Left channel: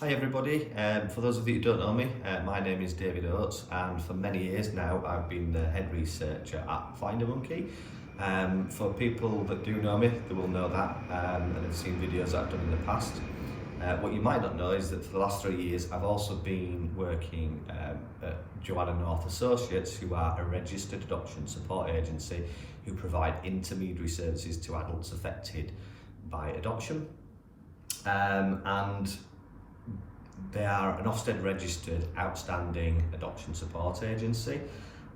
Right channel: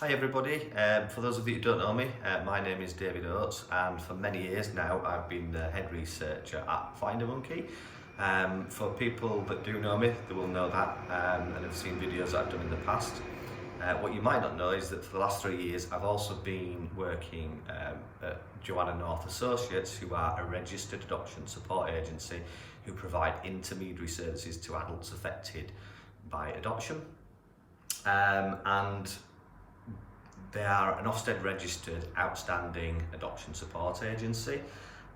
Hi everybody, for those of you who don't know me, my name is David Oates, and for many years now I've been the head researcher at FinderMonkey. For people that do know me, they will know that and have seen videos that I've done in the past. What you might not know is that for the last 3 years I've also been working at Joanna North Associates, who are a registered adoption support agency who provide intermediary services to adults affected by adoption. And they are an Ofsted registered outstanding adoption support agency,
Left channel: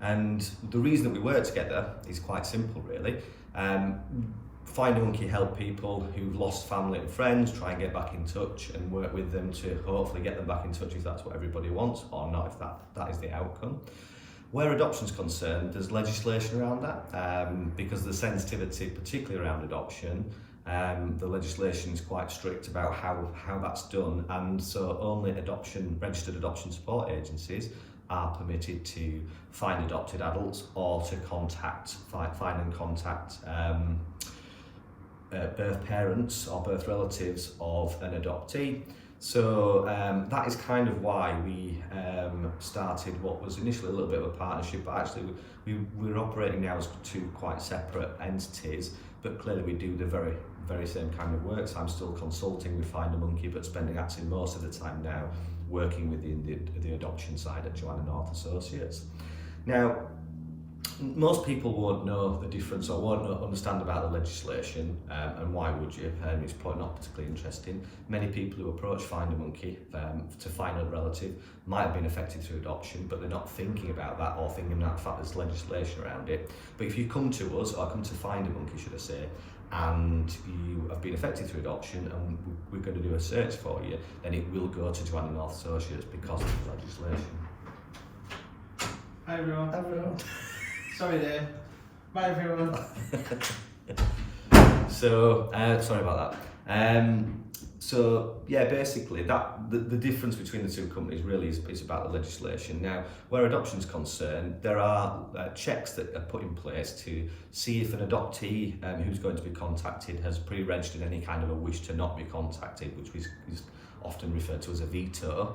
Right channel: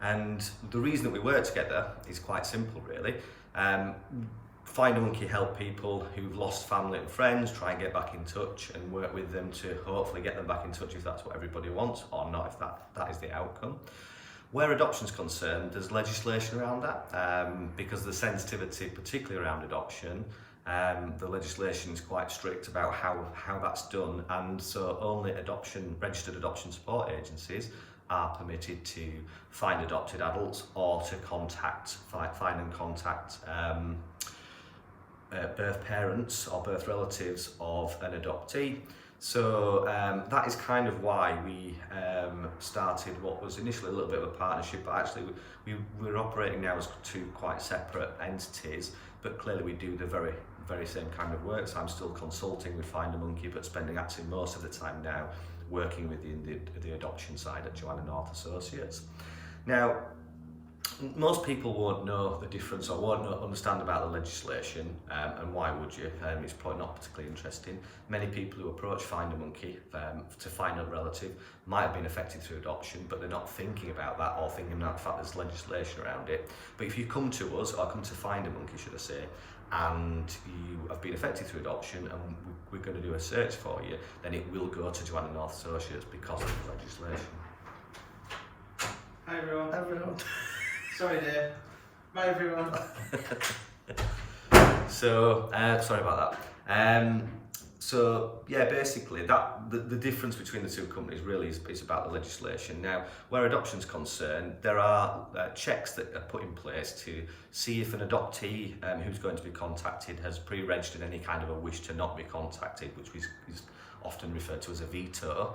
and the reason that we work together is quite simple really. FinderMonkey help people who've lost family and friends try and get back in touch and work with them to hopefully get them back in touch if that's what everybody wants, or not if that is the outcome. Where adoption is concerned, there's legislation around that because the sensitivity, particularly around adoption, the legislation is quite strict about how that's done, and so only registered adoption support agencies are permitted to find adopted adults or to find and contact birth parents or birth relatives of an adoptee. So that is kind of why we started what was initially a little bit of a partnership, but actually we're operating now as two quite separate entities, but clearly we do the very same kind of work. So I'm still consulting with FinderMonkey, but spending actually most of the time now working within the adoption side at Joanna North Associates. Now, most people won't know the difference or won't understand about the legislation, and why would you? It's probably not particularly interesting. Many people who approach FinderMonkey to find a relative might have been affected through adoption, but they're not thinking about that or thinking about the fact there's legislation around it. But if you come to us, or come to FinderMonkey should I say, and you have been affected through adoption and we're going to do a search for you, then it will go to Joanna North Associates because of the legislation. Hi everyone. Hi everyone. Sorry Dave. Bye everyone. So, sorry about that. So yeah, basically the difference between the two companies really is about the legislation. Now, where adoption is concerned, there are checks that are put in place to see if an adoptee who's going to be contacted has pre-registered any kind of a wish to not be contacted, which is often referred to as a veto,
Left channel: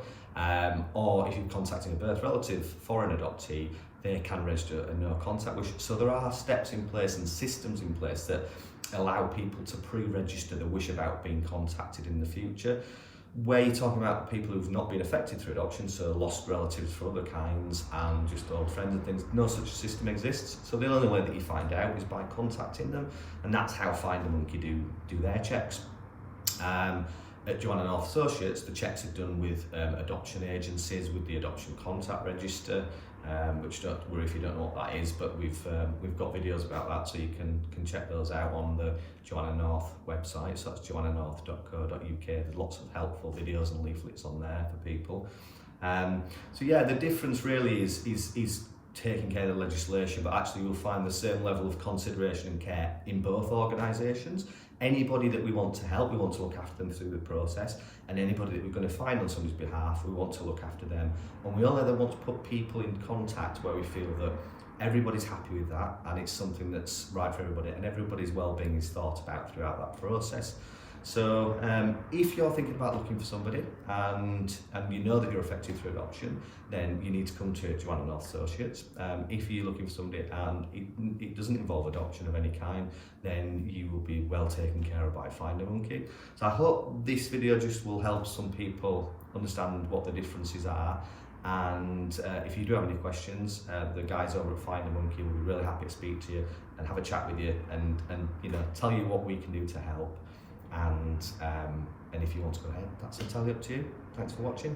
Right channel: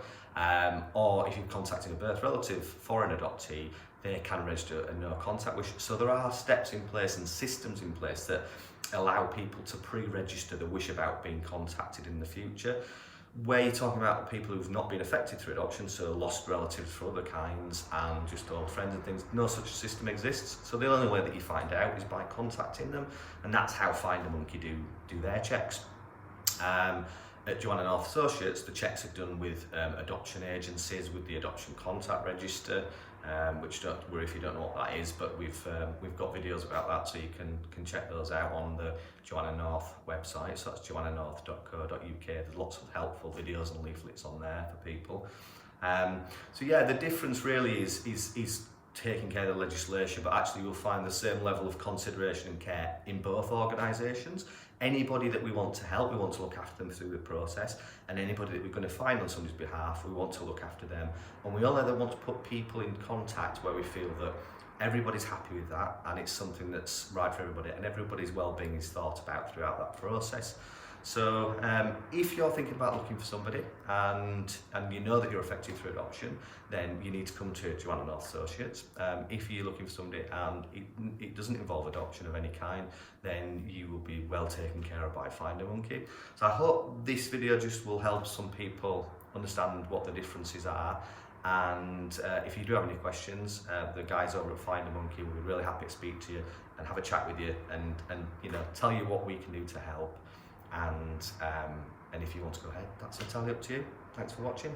or if you're contacting a birth relative for an adoptee, they can register a no contact wish. So there are steps in place and systems in place that allow people to pre-register the wish about being contacted in the future. Where you're talking about people who've not been affected through adoption, so lost relatives for other kinds and just old friends and things, no such system exists. So the only way that you find out is by contacting them, and that's how FinderMonkey do their checks. At Joanna North Associates, the checks are done with adoption agencies, with the adoption contact register, which don't worry if you don't know what that is, but we've got videos about that, so you can check those out on the Joanna North website. So that's joannanorth.co.uk. There's lots of helpful videos and leaflets on there for people. So yeah, the difference really is taking care of the legislation, but actually you'll find the same level of consideration and care in both organisations. Anybody that we want to help, we want to look after them through the process, and anybody that we're going to find on somebody's behalf, we want to look after them. And we only then want to put people in contact where we feel that everybody's happy with that and it's something that's right for everybody and everybody's well-being is thought about throughout that process. So if you're thinking about looking for somebody and you know that you're affected through adoption, then you need to come to Joanna North Associates. If you're looking for somebody and it doesn't involve adoption of any kind, then you will be well taken care of by FinderMonkey. So I hope this video just will help some people understand what the differences are. And if you do have any questions, the guys over at FinderMonkey will be really happy to speak to you and have a chat with you and tell you what we can do to help. And if you want to go ahead, that's entirely up to you. Thanks for watching.